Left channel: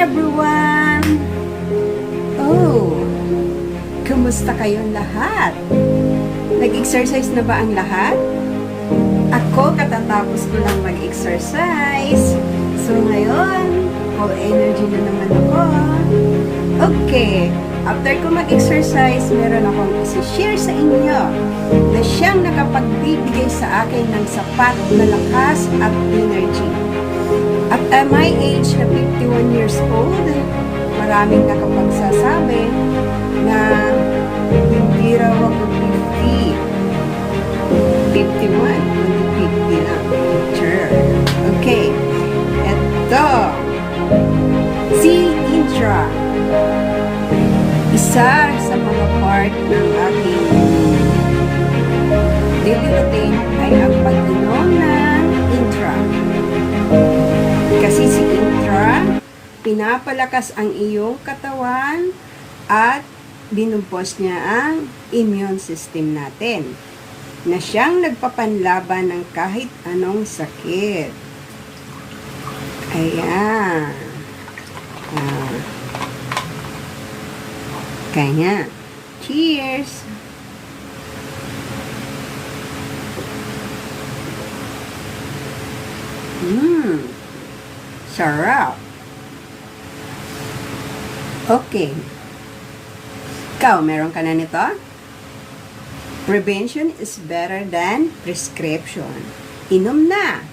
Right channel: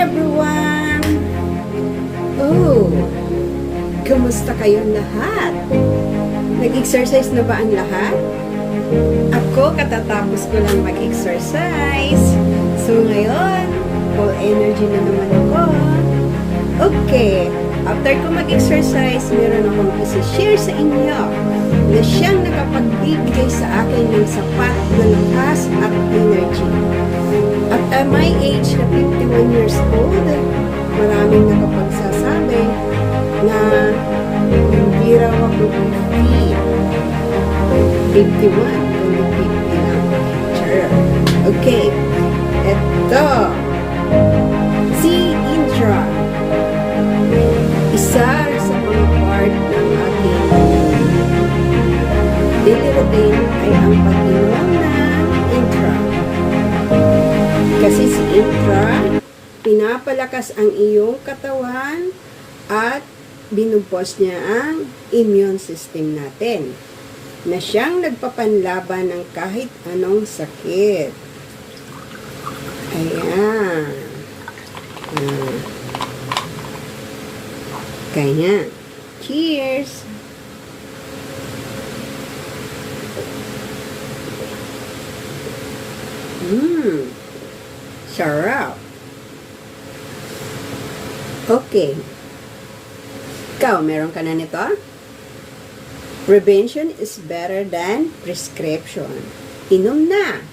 everyone! Oh, kumusta kayong lahat? Nag-exercise na ba ang lahat? Ako, katatapos ko lang mag-exercise. So ngayon, full energy na naman ako. Okay, after ko mag-exercise, meron akong isi-share sa inyo na siyang nakapagbibigay sa akin ng sapat na lakas at energy. At my age na 51 years old, maraming nakapagsasabi na hindi raw ako 50. 51, kundi 50 lang. Sure. Okay. Ito. Si Intra. Isa sa mga part ng ating daily routine ay ang pag-inom ng Intra. Kasi si Intra, pinapalakas ang iyong katawan at binubuhos niya ang immune system natin na siyang nagpapanlaban ng kahit anong sakit. Ayan. Kaya, cheers! Sarap. Okay. Ikaw, meron ka na nito? Prevention is better than prescription. Inom na!